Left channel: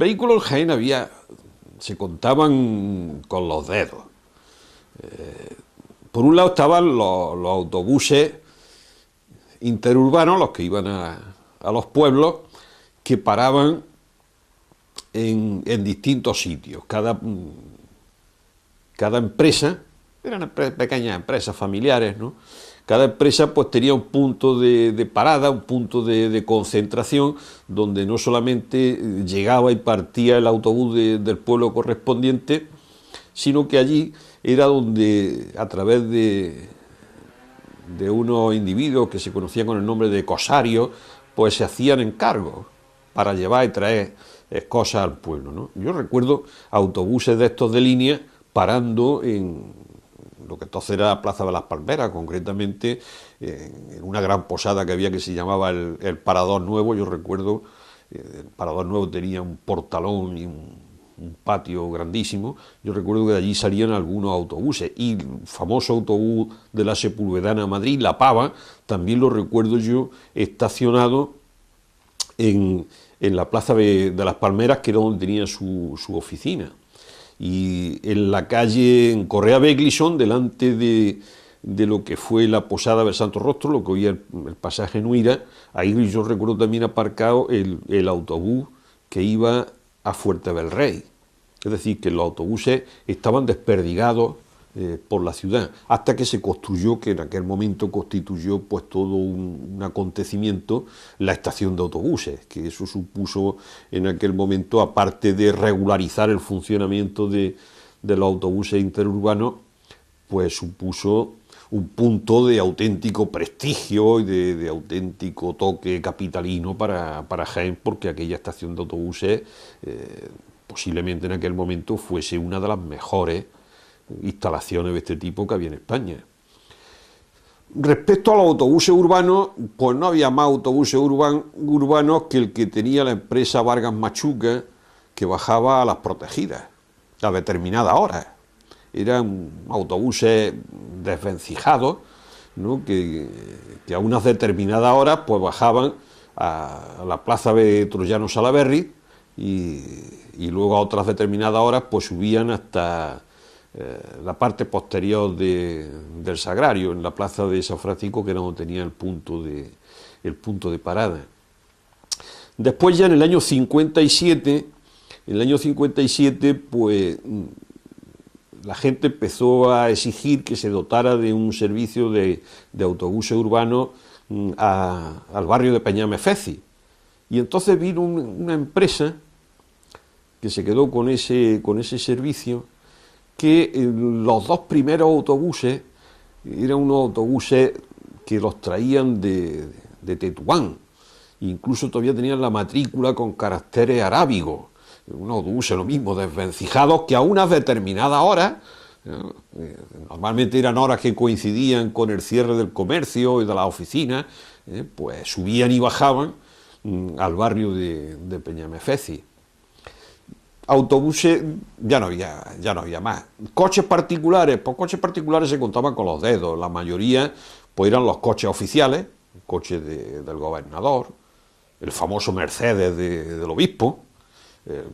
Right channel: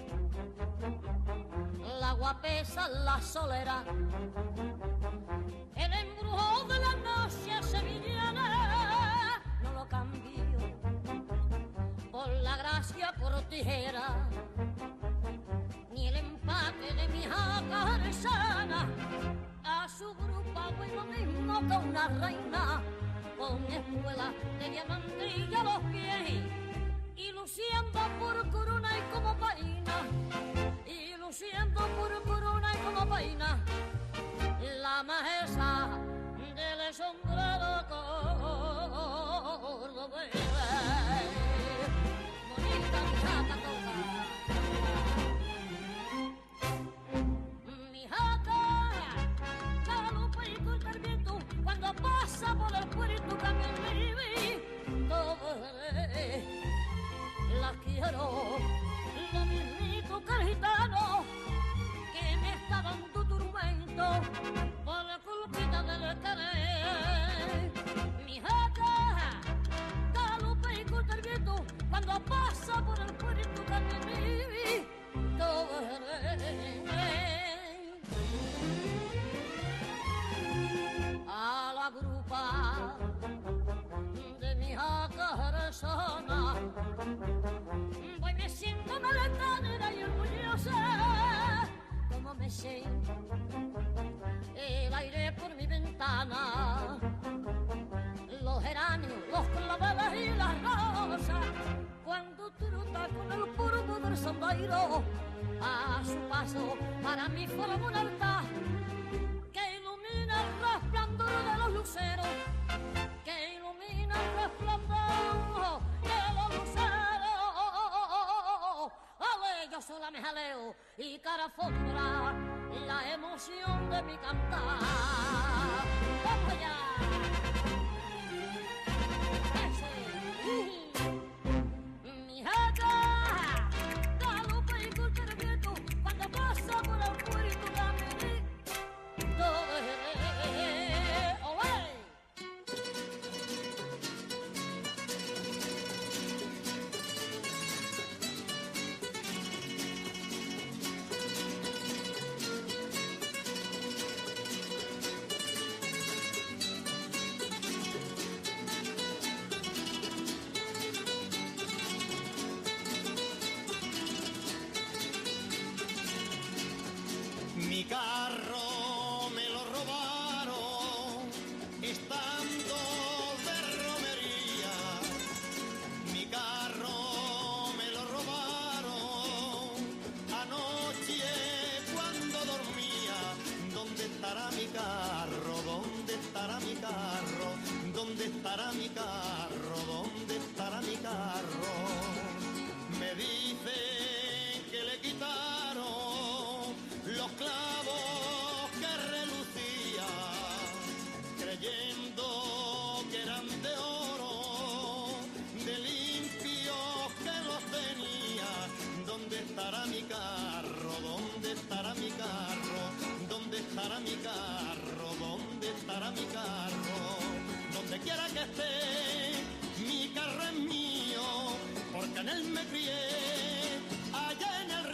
Vehículos en Jaén había, se contaban con los dedos. Por un lado estaban los autobuses interurbanos, los que iban a los pueblos, que paraban en distintos sitios. Cada empresa, eran pequeñas empresas familiares, ¿no? Cada empresa pues tenía un punto de parada, un punto de concentración, donde no solamente llegaba y partía el autobús del pueblo correspondiente, sino que allí era donde, a través de unos individuos que se conocían con el nombre de cosarios, pues se hacían encargos para llevar y traer cosas al pueblo, ¿no? Yo recuerdo autobuses de estos de línea parando en lo que entonces era la Plaza de las Palmeras, concretamente una gran posada que había que se llamaba el Parador Nuevo. Yo recuerdo el Parador Nuevo tenía un portalón y un patio grandísimo. Yo recuerdo que de allí salían algunos autobuses, y el famoso autobús de la Sepúlveda a Madrid, La Pava, también lo recuerdo yo estacionado en la Plaza de las Palmeras, que era donde tenía su oficina. Y en la calle, en Correa Beglison, delante de lo que fue la posada del Santo Rostro, lo que hoy es el pasaje Nuira, ahí yo recuerdo también aparcado el autobús que iba a Fuerte del Rey. Es decir, que los autobuses estaban desperdigados por la ciudad, hasta que se construyó, que en aquel momento constituyó pues todo un acontecimiento, la estación de autobuses, que eso supuso en aquel momento, aparte de regularizar el funcionamiento de los autobuses interurbanos, pues supuso un punto de auténtico prestigio y de auténtico toque capitalino para Jaén, porque aquella estación de autobuses posiblemente en aquel momento fuese una de las mejores instalaciones de este tipo que había en España. Respecto a los autobuses urbanos, pues no había más autobuses urbanos que el que tenía la empresa Vargas Machuca, que bajaba a las protegidas a determinadas horas. Eran autobuses desvencijados, ¿no? que a unas determinadas horas pues bajaban a la plaza de Troyano Salaberry y luego a otras determinadas horas pues subían hasta la parte posterior del Sagrario, en la plaza de San Francisco, que era donde tenía el punto de parada. Después, ya en el año 57, pues la gente empezó a exigir que se dotara de un servicio de autobuses urbanos al barrio de Peñamefeci. Y entonces vino una empresa que se quedó con ese servicio, que los dos primeros autobuses eran unos autobuses que los traían de Tetuán, incluso todavía tenían la matrícula con caracteres arábigos, unos autobuses lo mismo, desvencijados, que a unas determinadas horas, normalmente eran horas que coincidían con el cierre del comercio y de las oficinas, pues subían y bajaban al barrio de Peñamefeci. Autobuses ya no había más. Coches particulares, pues coches particulares se contaban con los dedos. La mayoría pues eran los coches oficiales, coches del gobernador, el famoso Mercedes del obispo,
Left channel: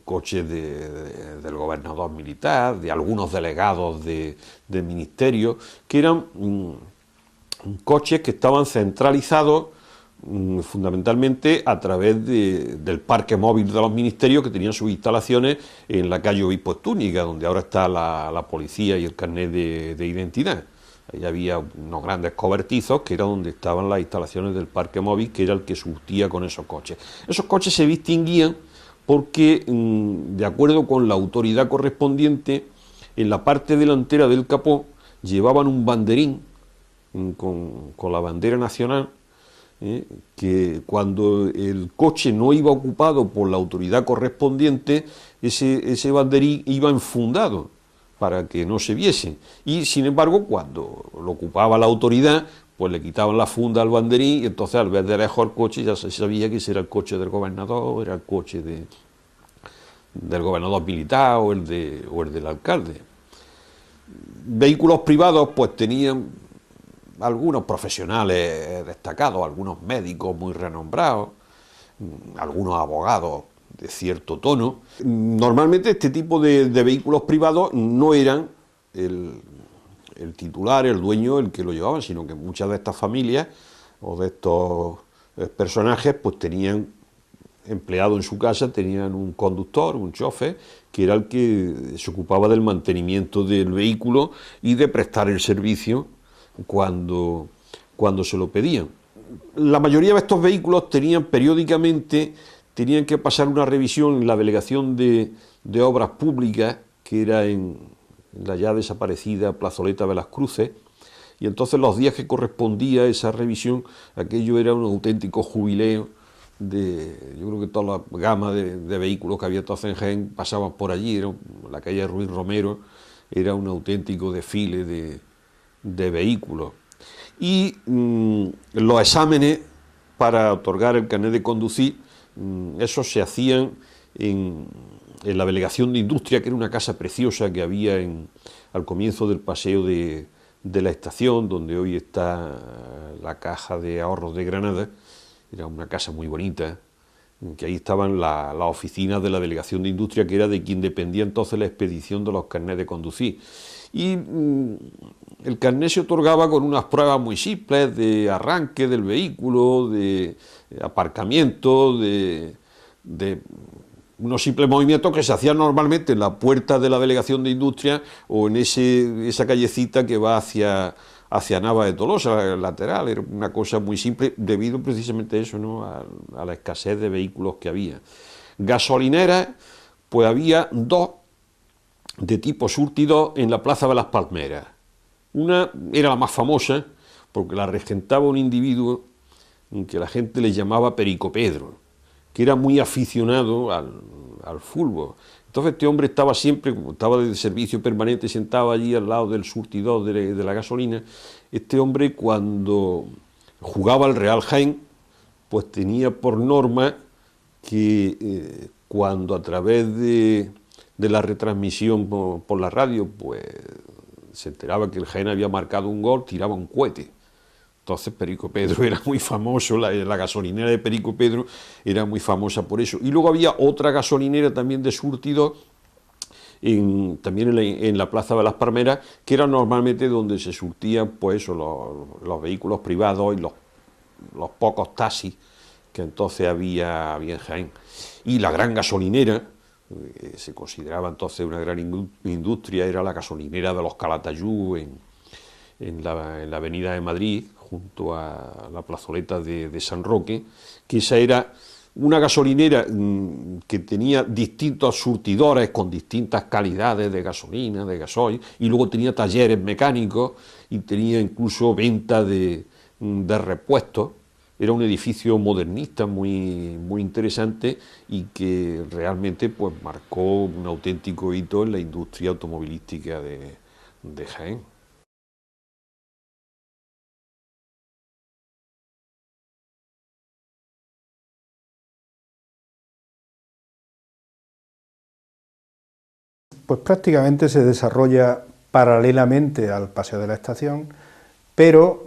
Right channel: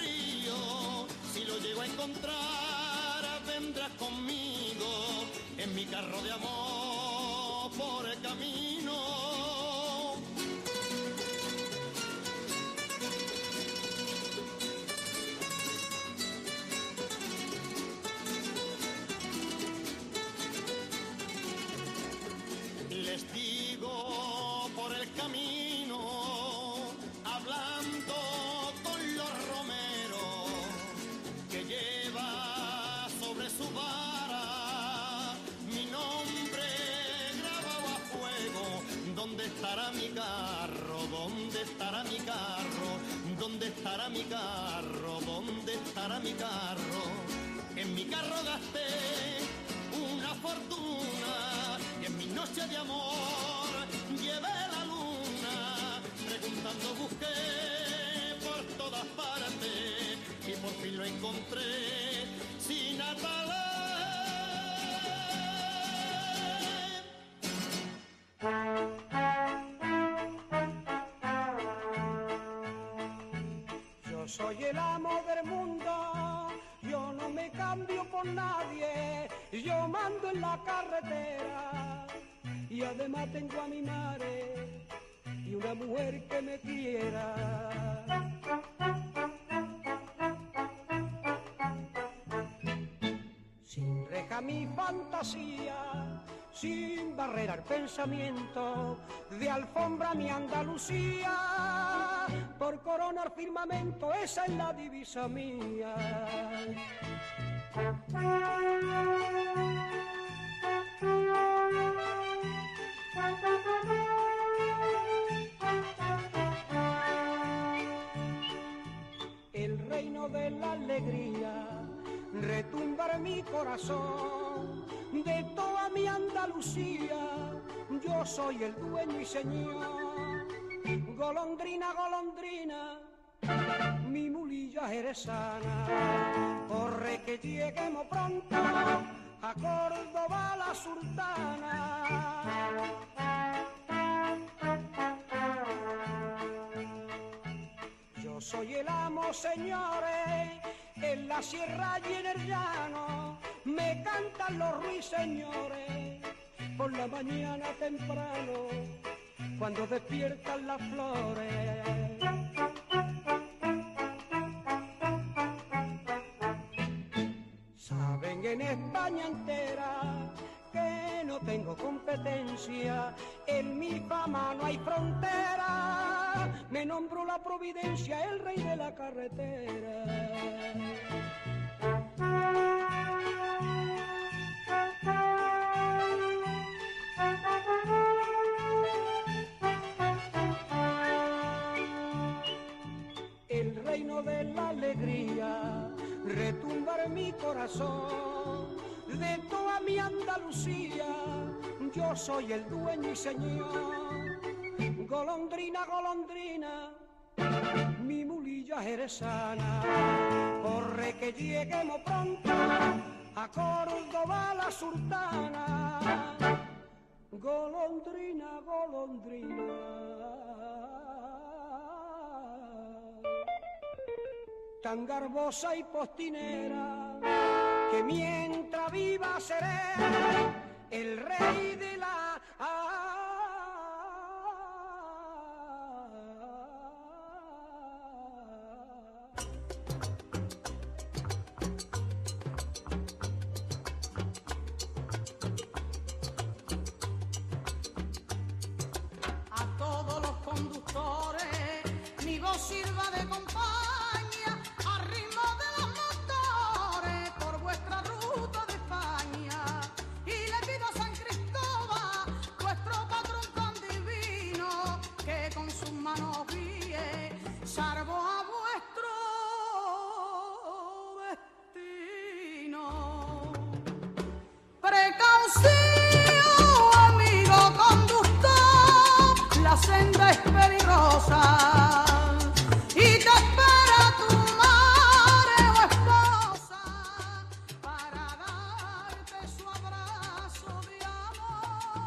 coches del gobernador militar, de algunos delegados del ministerio, que eran coches que estaban centralizados fundamentalmente a través del parque móvil de los ministerios, que tenían sus instalaciones en la calle Obispo Estúñiga, donde ahora está la policía y el carnet de identidad. Ahí había unos grandes cobertizos que era donde estaban las instalaciones del parque móvil, que era el que surtía con esos coches. Esos coches se distinguían porque, de acuerdo con la autoridad correspondiente, en la parte delantera del capó llevaban un banderín con la bandera nacional, que cuando el coche no iba ocupado por la autoridad correspondiente, ese banderín iba enfundado para que no se viese. Y sin embargo, cuando lo ocupaba la autoridad, pues le quitaban la funda al banderín, y entonces al ver de lejos el coche ya se sabía que ese era el coche del gobernador, era el coche del gobernador militar o el del alcalde. Vehículos privados pues tenían algunos profesionales destacados, algunos médicos muy renombrados, algunos abogados cierto tono. Normalmente este tipo de vehículos privados no eran el titular, el dueño, el que lo llevaba, sino que muchas de estas familias o de estos personajes pues tenían empleado en su casa, tenían un conductor, un chofer, que era el que se ocupaba del mantenimiento del vehículo y de prestar el servicio cuando se lo pedían. La mayoría de estos vehículos tenían periódicamente, tenían que pasar una revisión en la delegación de obras públicas, que era en la ya desaparecida Plazoleta de las Cruces, y entonces los días que correspondía a esa revisión, aquello era un auténtico jubileo yo creo que toda la gama de vehículos que había entonces en Jaén pasaban por allí, la calle Ruiz Romero era un auténtico desfile de vehículos. Y los exámenes para otorgar el carnet de conducir, esos se hacían en la delegación de Industria, que era una casa preciosa que había al comienzo del paseo de la estación, donde hoy está la Caja de Ahorros de Granada. Era una casa muy bonita, que ahí estaban las oficinas de la Delegación de Industria, que era de quien dependía entonces la expedición de los carnets de conducir. Y el carnet se otorgaba con unas pruebas muy simples de arranque del vehículo, de aparcamiento, de unos simples movimientos que se hacían normalmente en la puerta de la Delegación de Industria o en esa callecita que va hacia Nava de Tolosa, lateral. Era una cosa muy simple debido precisamente a eso, ¿no? a la escasez de vehículos que había. Gasolineras, pues había dos de tipo surtidor en la Plaza de las Palmeras. Una era la más famosa porque la regentaba un individuo que la gente le llamaba Perico Pedro, que era muy aficionado al fútbol. Entonces este hombre estaba siempre, como estaba de servicio permanente, sentado allí al lado del surtidor de la gasolina. Este hombre, cuando jugaba al Real Jaén, pues tenía por norma que cuando a través de la retransmisión por la radio, pues se enteraba que el Jaén había marcado un gol, tiraba un cohete. Entonces Perico Pedro era muy famoso, la gasolinera de Perico Pedro era muy famosa por eso. Y luego había otra gasolinera también de surtidor, también en la Plaza de las Palmeras, que era normalmente donde se surtían pues, los vehículos privados y los pocos taxis que entonces había en Jaén. Y la gran gasolinera, se consideraba entonces una gran industria, era la gasolinera de los Calatayud en la avenida de Madrid, junto a la plazoleta de San Roque, que esa era una gasolinera que tenía distintos surtidores con distintas calidades de gasolina, de gasoil, y luego tenía talleres mecánicos y tenía incluso venta de repuestos. Era un edificio modernista muy interesante y que realmente pues, marcó un auténtico hito en la industria automovilística de Jaén. Amigo conductor, la senda es peligrosa y te espera tu madre o esposa. Pues prácticamente se desarrolla paralelamente al paseo de la estación, pero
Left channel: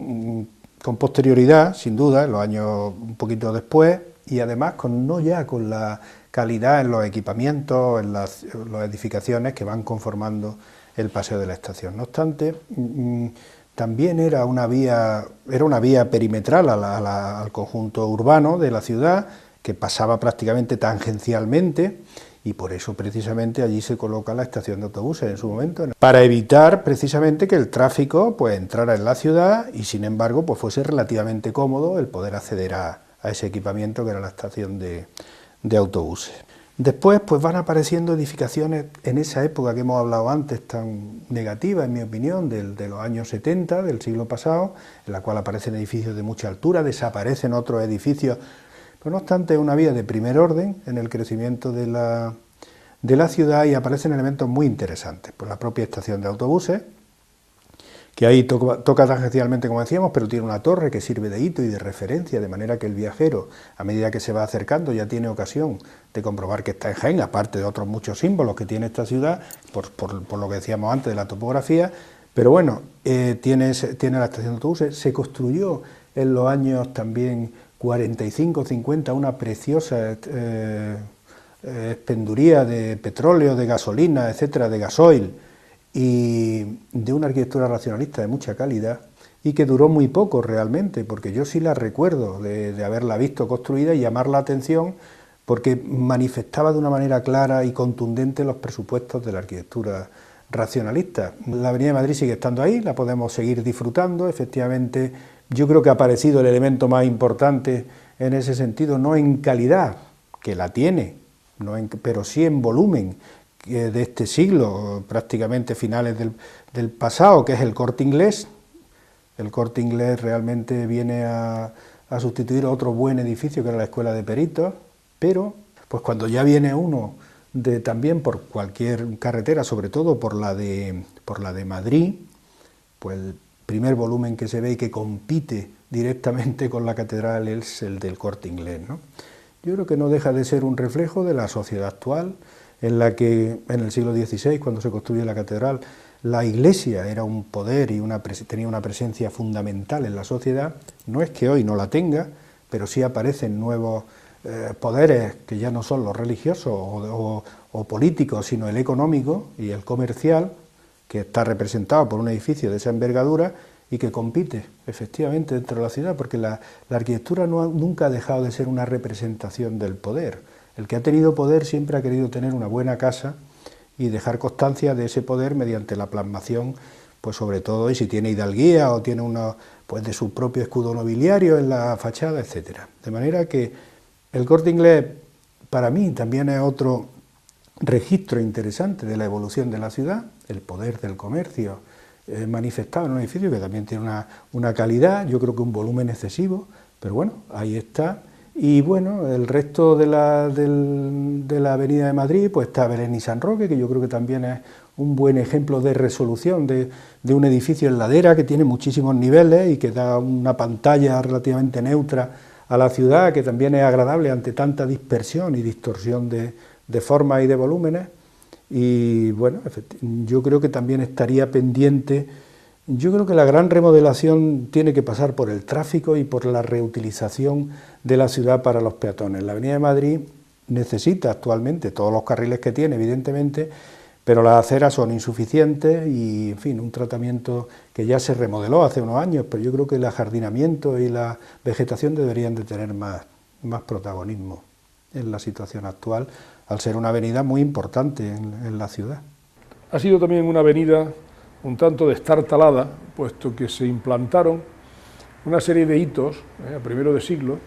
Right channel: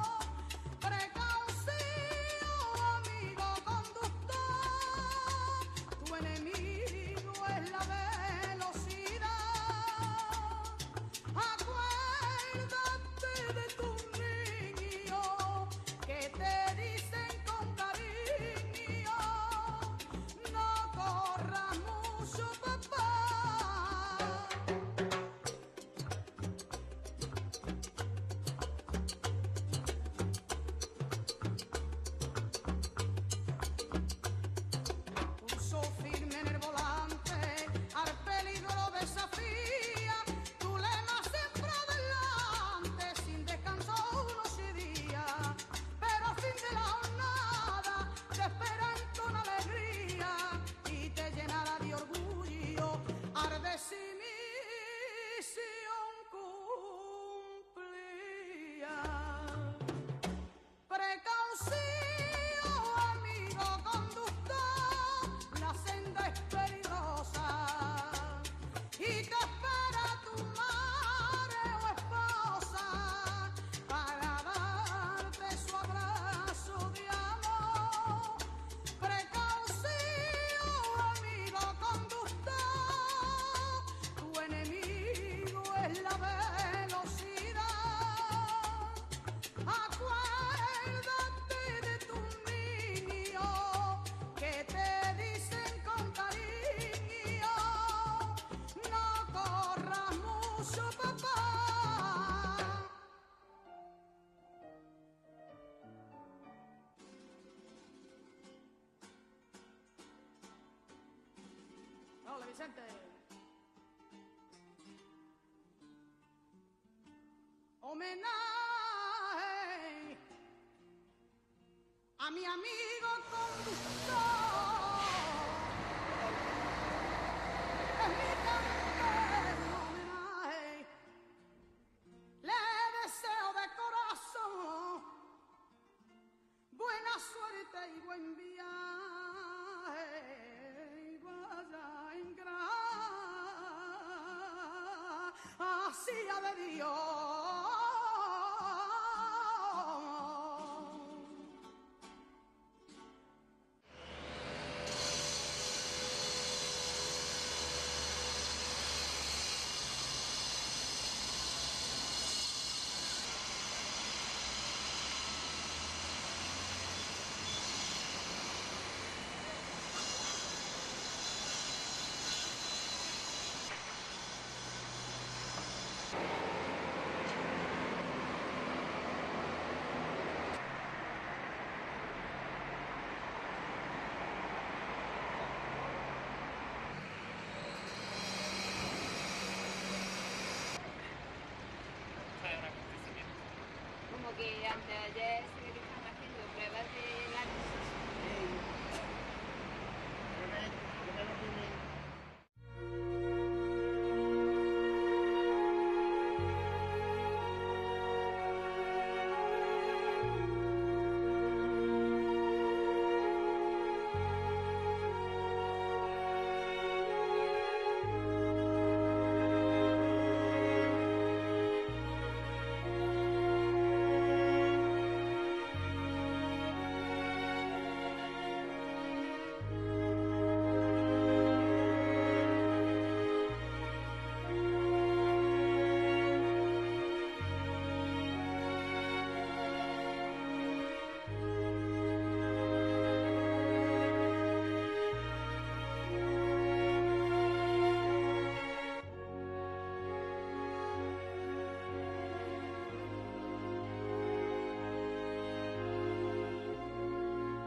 con posterioridad, sin duda, en los años un poquito después, y además no ya con la calidad en los equipamientos, en las edificaciones que van conformando el paseo de la estación. No obstante, también era una vía perimetral al conjunto urbano de la ciudad, que pasaba prácticamente tangencialmente, y por eso precisamente allí se coloca la estación de autobuses en su momento, para evitar precisamente que el tráfico pues entrara en la ciudad y sin embargo pues fuese relativamente cómodo el poder acceder a ese equipamiento que era la estación de autobuses. Después pues van apareciendo edificaciones en esa época que hemos hablado antes tan negativa, en mi opinión, de los años 70 del siglo pasado, en la cual aparecen edificios de mucha altura, desaparecen otros edificios. No obstante, es una vía de primer orden en el crecimiento de la ciudad y aparecen elementos muy interesantes. Por la propia estación de autobuses, que ahí toca tangencialmente, como decíamos, pero tiene una torre que sirve de hito y de referencia, de manera que el viajero, a medida que se va acercando, ya tiene ocasión de comprobar que está en Jaén, aparte de otros muchos símbolos que tiene esta ciudad, por lo que decíamos antes de la topografía. Pero bueno, tiene la estación de autobuses. Se construyó en los años también 45, 50, una preciosa expenduría de petróleo, de gasolina, etcétera, de gasoil, y de una arquitectura racionalista de mucha calidad, y que duró muy poco realmente, porque yo sí la recuerdo de haberla visto construida y llamar la atención, porque manifestaba de una manera clara y contundente los presupuestos de la arquitectura racionalista. La Avenida de Madrid sigue estando ahí, la podemos seguir disfrutando, efectivamente yo creo que ha aparecido el elemento más importante en ese sentido, no en calidad, que la tiene, pero sí en volumen de este siglo, prácticamente finales del pasado, que es el Corte Inglés. El Corte Inglés realmente viene a sustituir otro buen edificio que era la Escuela de Peritos, pero pues cuando ya viene uno también por cualquier carretera, sobre todo por la de Madrid, pues el primer volumen que se ve y que compite directamente con la catedral es el del Corte Inglés, ¿no? Yo creo que no deja de ser un reflejo de la sociedad actual, en la que en el siglo XVI, cuando se construye la catedral, la Iglesia era un poder y tenía una presencia fundamental en la sociedad. No es que hoy no la tenga, pero sí aparecen nuevos poderes que ya no son los religiosos o políticos, sino el económico y el comercial, que está representado por un edificio de esa envergadura y que compite efectivamente dentro de la ciudad, porque la arquitectura nunca ha dejado de ser una representación del poder. El que ha tenido poder siempre ha querido tener una buena casa y dejar constancia de ese poder mediante la plasmación, pues sobre todo, y si tiene hidalguía o tiene pues de su propio escudo nobiliario en la fachada, etcétera. De manera que el Corte Inglés para mí también es otro registro interesante de la evolución de la ciudad, el poder del comercio manifestado en un edificio que también tiene una calidad, yo creo que un volumen excesivo, pero bueno, ahí está. Y bueno, el resto de la Avenida de Madrid, pues está Belén y San Roque, que yo creo que también es un buen ejemplo de resolución de un edificio en ladera que tiene muchísimos niveles y que da una pantalla relativamente neutra a la ciudad, que también es agradable ante tanta dispersión y distorsión de formas y de volúmenes. Y bueno, yo creo que también estaría pendiente. Yo creo que la gran remodelación tiene que pasar por el tráfico y por la reutilización de la ciudad para los peatones. La Avenida de Madrid necesita actualmente todos los carriles que tiene, evidentemente, pero las aceras son insuficientes y, en fin, un tratamiento que ya se remodeló hace unos años, pero yo creo que el ajardinamiento y la vegetación deberían de tener más protagonismo en la situación actual, al ser una avenida muy importante en la ciudad. Ha sido también una avenida un tanto destartalada, puesto que se implantaron una serie de hitos a primero de siglo,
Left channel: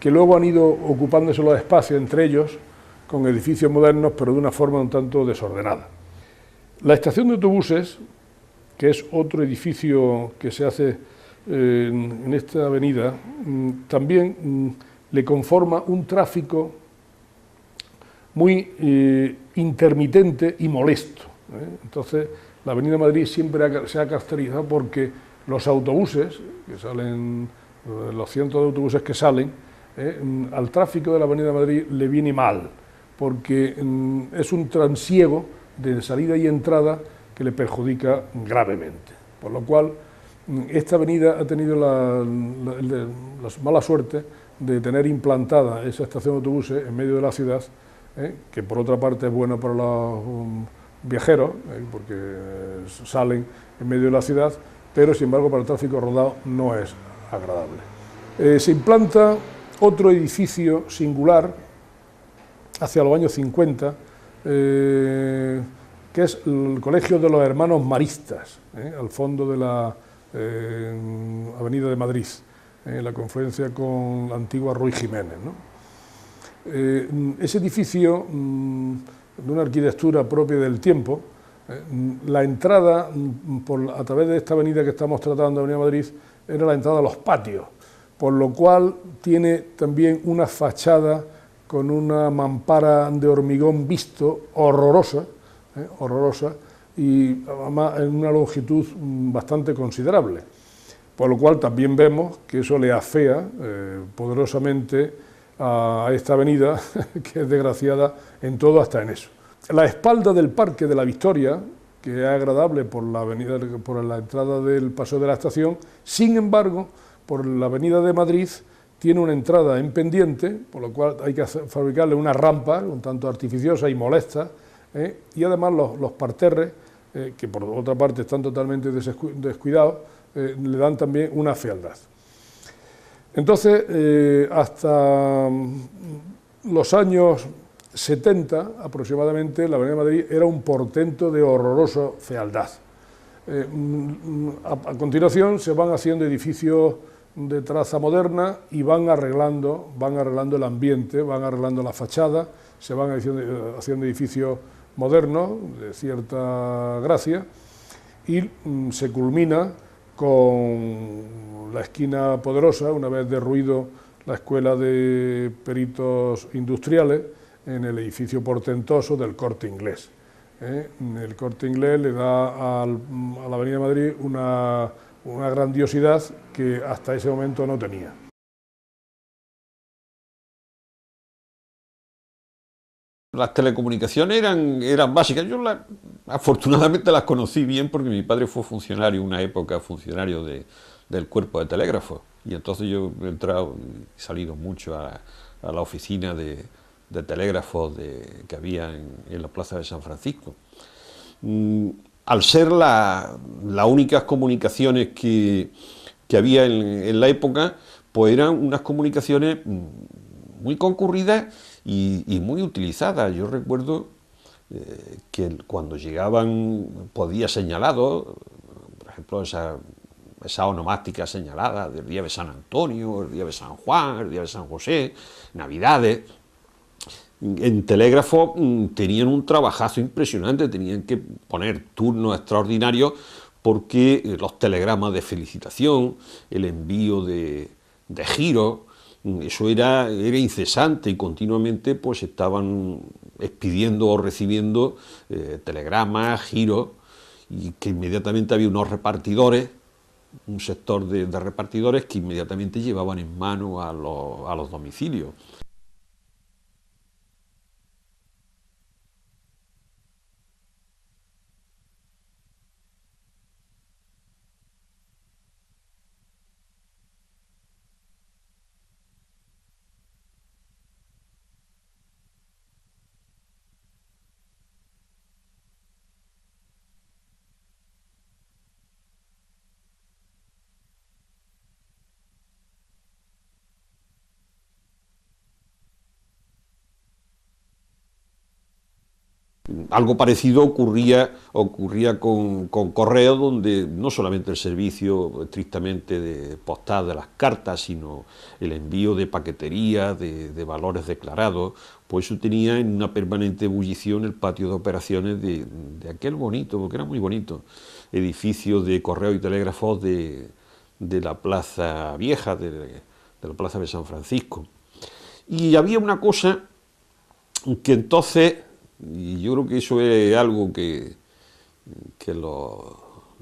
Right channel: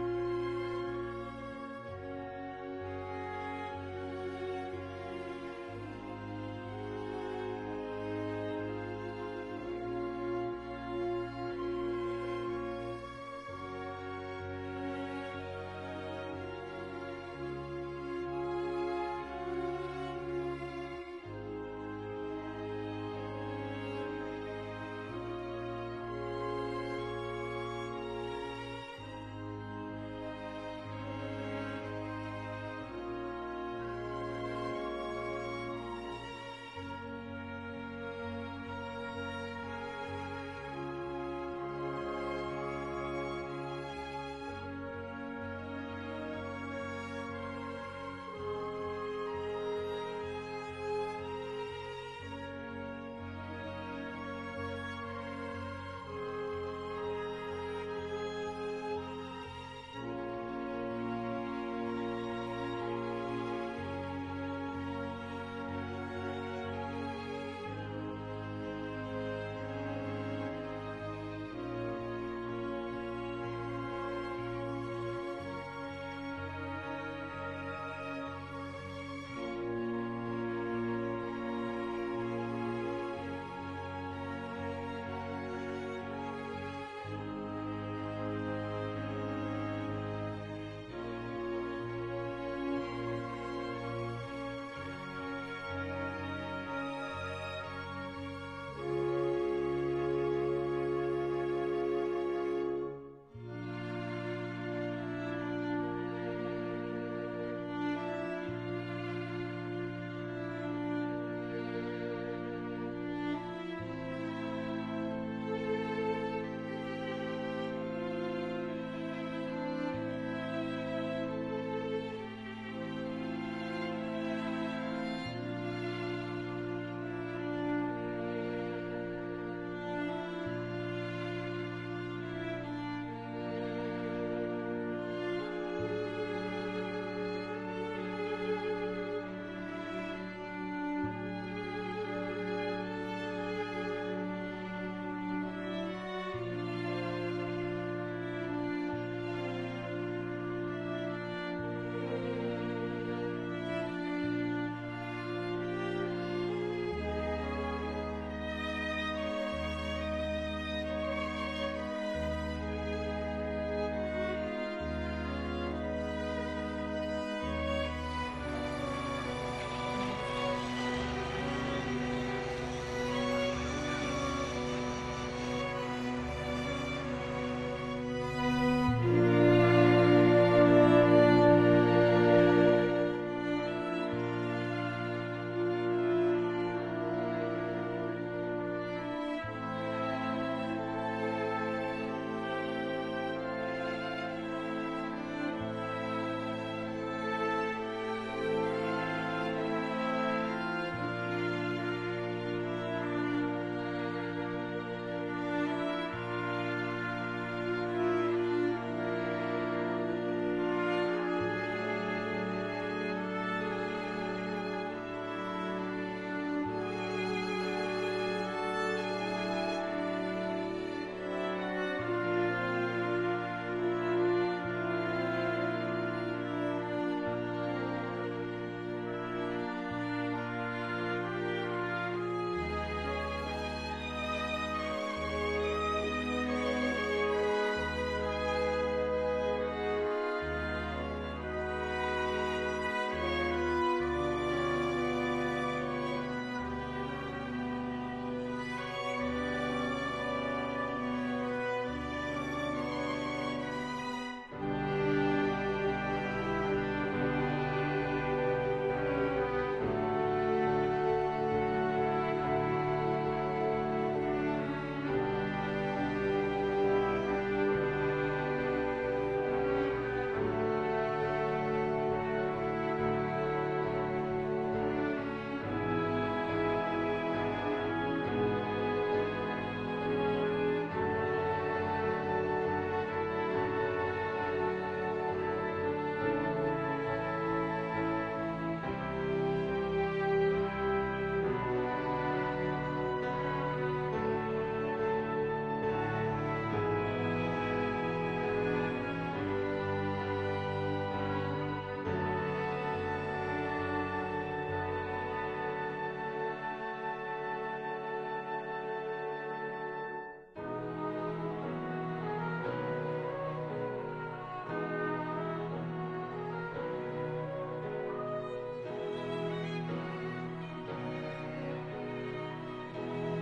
que luego han ido ocupándose los espacios entre ellos con edificios modernos, pero de una forma un tanto desordenada. La estación de autobuses, que es otro edificio que se hace en esta avenida, también le conforma un tráfico muy intermitente y molesto. Entonces, la Avenida Madrid siempre se ha caracterizado porque los autobuses, que salen, los cientos de autobuses que salen, al tráfico de la Avenida Madrid le viene mal, porque es un trasiego de salida y entrada que le perjudica gravemente. Por lo cual, esta avenida ha tenido la mala suerte de tener implantada esa estación de autobuses en medio de la ciudad, que por otra parte es buena para los viajeros, porque salen en medio de la ciudad, pero sin embargo para el tráfico rodado no es agradable. Se implanta otro edificio singular hacia los años 50, que es el Colegio de los Hermanos Maristas, al fondo de la Avenida de Madrid, en la confluencia con la antigua Ruy Jiménez, ¿no? Ese edificio, de una arquitectura propia del tiempo, la entrada a través de esta avenida que estamos tratando, Avenida Madrid, era la entrada a los patios, por lo cual tiene también una fachada con una mampara de hormigón visto horrorosa, y además en una longitud bastante considerable, por lo cual también vemos que eso le afea poderosamente a esta avenida, que es desgraciada en todo, hasta en eso. La espalda del Parque de la Victoria, que es agradable por la avenida, por la entrada del Paseo de la Estación, sin embargo, por la Avenida de Madrid tiene una entrada en pendiente, por lo cual hay que fabricarle una rampa un tanto artificiosa y molesta, y además los parterres, que por otra parte están totalmente descuidados, le dan también una fealdad. Entonces, hasta los años 70 aproximadamente, la Avenida Madrid era un portento de horrorosa fealdad. A continuación se van haciendo edificios de traza moderna y van arreglando el ambiente, van arreglando la fachada, se van haciendo edificios modernos de cierta gracia y se culmina con la esquina Poderosa, una vez derruido la Escuela de Peritos Industriales, en el edificio portentoso del Corte Inglés. El Corte Inglés le da a la Avenida Madrid una grandiosidad que hasta ese momento no tenía. Las telecomunicaciones eran básicas. Yo afortunadamente las conocí bien porque mi padre fue funcionario, una época funcionario del cuerpo de telégrafo, y entonces yo he entrado y salido mucho a la oficina de telégrafos que había en la plaza de San Francisco. Al ser las únicas comunicaciones que había en la época, pues eran unas comunicaciones muy concurridas y muy utilizadas. Yo recuerdo que cuando llegaban por días señalados, por ejemplo, esa onomástica señalada del día de San Antonio, el día de San Juan, el día de San José, Navidades, en telégrafo tenían un trabajazo impresionante, tenían que poner turnos extraordinarios porque los telegramas de felicitación, el envío de giros, eso era incesante y continuamente pues estaban expidiendo o recibiendo telegramas, giros, y que inmediatamente había unos repartidores, un sector de repartidores que inmediatamente llevaban en mano a los domicilios. Algo parecido ocurría con correo, donde no solamente el servicio estrictamente postal de las cartas, sino el envío de paquetería, de valores declarados, pues eso tenía en una permanente ebullición el patio de operaciones de aquel bonito, porque era muy bonito, edificio de correo y telégrafos de la Plaza Vieja, de la Plaza de San Francisco. Y había una cosa que entonces, y yo creo que eso es algo que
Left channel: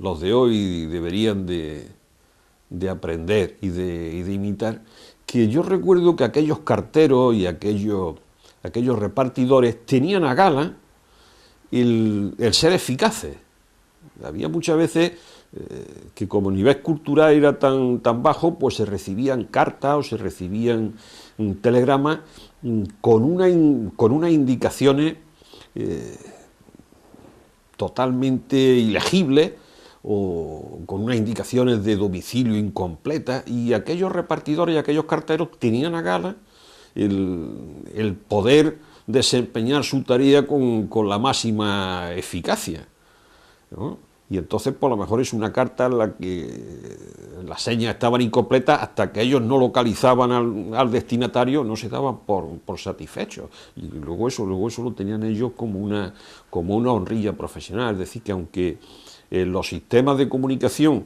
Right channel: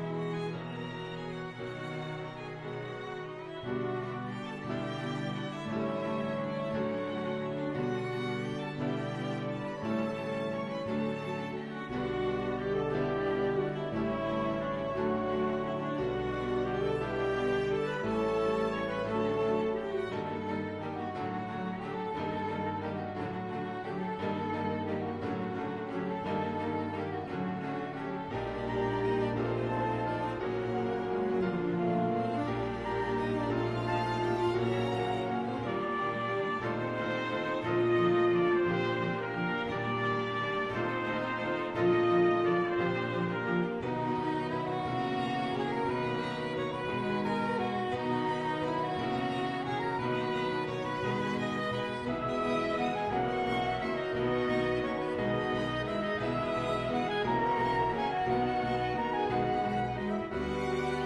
los de hoy deberían de aprender y de imitar, que yo recuerdo que aquellos carteros y aquellos repartidores tenían a gala el ser eficaces. Había muchas veces que como el nivel cultural era tan bajo, pues se recibían cartas o se recibían telegramas con unas indicaciones totalmente ilegibles o con unas indicaciones de domicilio incompletas, y aquellos repartidores y aquellos carteros tenían a gala el poder desempeñar su tarea con la máxima eficacia, ¿no? Y entonces, por lo mejor es una carta en la que las señas estaban incompletas, hasta que ellos no localizaban al destinatario, no se daban por satisfechos. Y luego eso lo tenían ellos como una honrilla profesional. Es decir, que aunque los sistemas de comunicación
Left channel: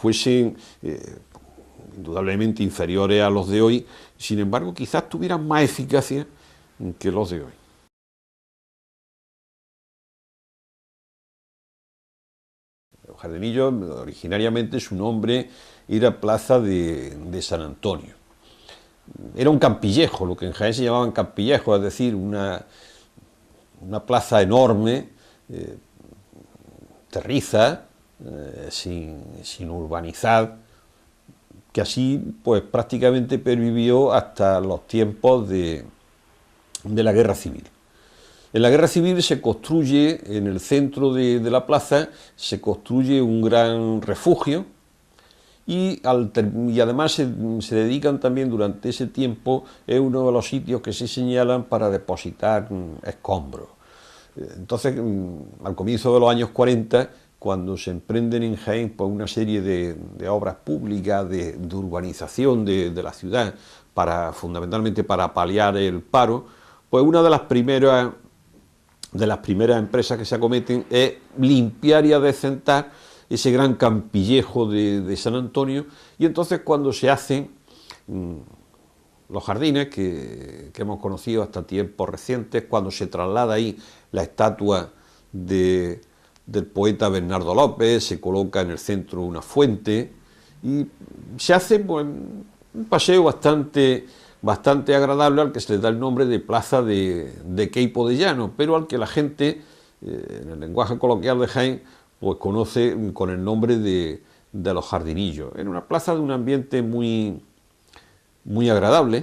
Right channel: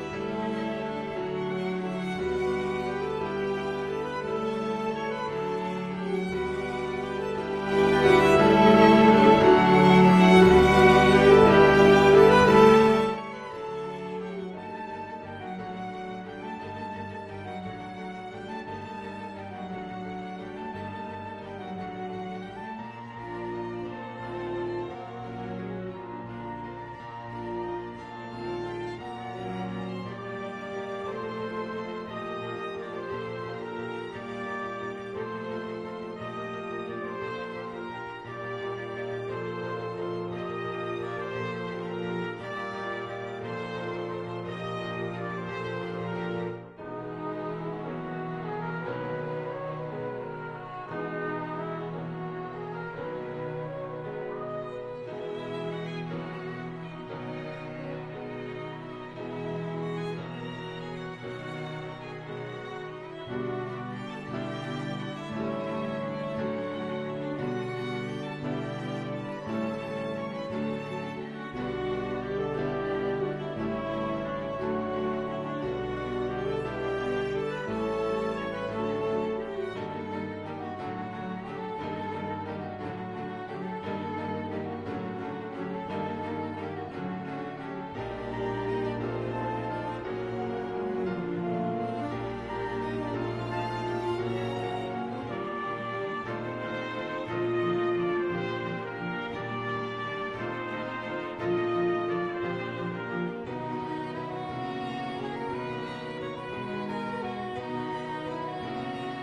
fuesen indudablemente inferiores a los de hoy, sin embargo, quizás tuvieran más eficacia que los de hoy. Jarenillo, originariamente su nombre era Plaza de San Antonio. Era un campillejo, lo que en Jaén se llamaban campillejos, es decir, una plaza enorme, terriza, sin urbanizar, que así pues prácticamente pervivió hasta los tiempos de la Guerra Civil. En la Guerra Civil se construye, en el centro de la plaza, se construye un gran refugio y además se dedican también durante ese tiempo, es uno de los sitios que se señalan para depositar escombros. Entonces, al comienzo de los años 40, cuando se emprenden en Jaén por una serie de obras públicas, de urbanización de la ciudad, fundamentalmente para paliar el paro, pues una de las primeras empresas que se acometen es limpiar y adecentar ese gran campillejo de San Antonio, y entonces cuando se hacen los jardines que hemos conocido hasta tiempos recientes, cuando se traslada ahí la estatua del poeta Bernardo López, se coloca en el centro una fuente y se hace pues, un paseo bastante agradable, al que se le da el nombre de Plaza de Queipo de Llano, pero al que la gente, en el lenguaje coloquial de Jaén, pues conoce con el nombre de Los Jardinillos. Era una plaza de un ambiente muy agradable,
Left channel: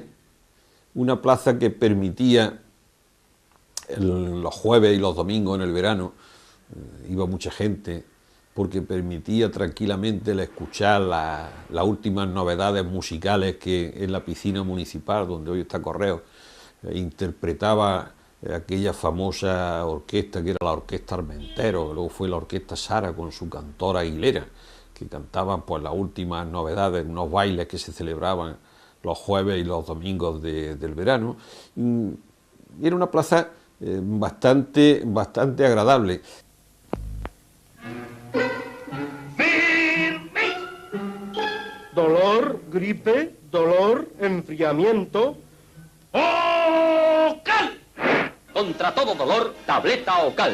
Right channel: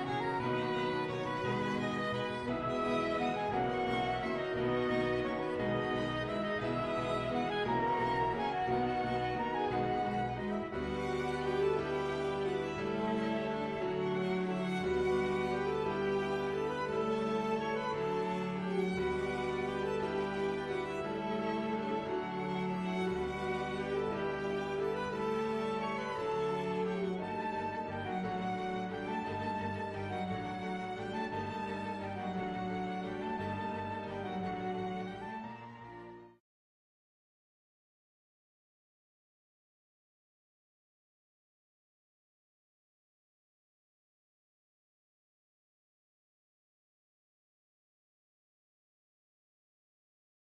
una plaza que permitía los jueves y los domingos en el verano, iba mucha gente, porque permitía tranquilamente escuchar las últimas novedades musicales que en la piscina municipal, donde hoy está Correo, interpretaba aquella famosa orquesta que era la Orquesta Armentero, luego fue la Orquesta Sara con su cantora Aguilera, que cantaban pues, las últimas novedades, unos bailes que se celebraban los jueves y los domingos del verano. Y era una plaza bastante agradable. Dolor, gripe, dolor, enfriamiento. ¡Ocal! Contra todo dolor, tableta Ocal.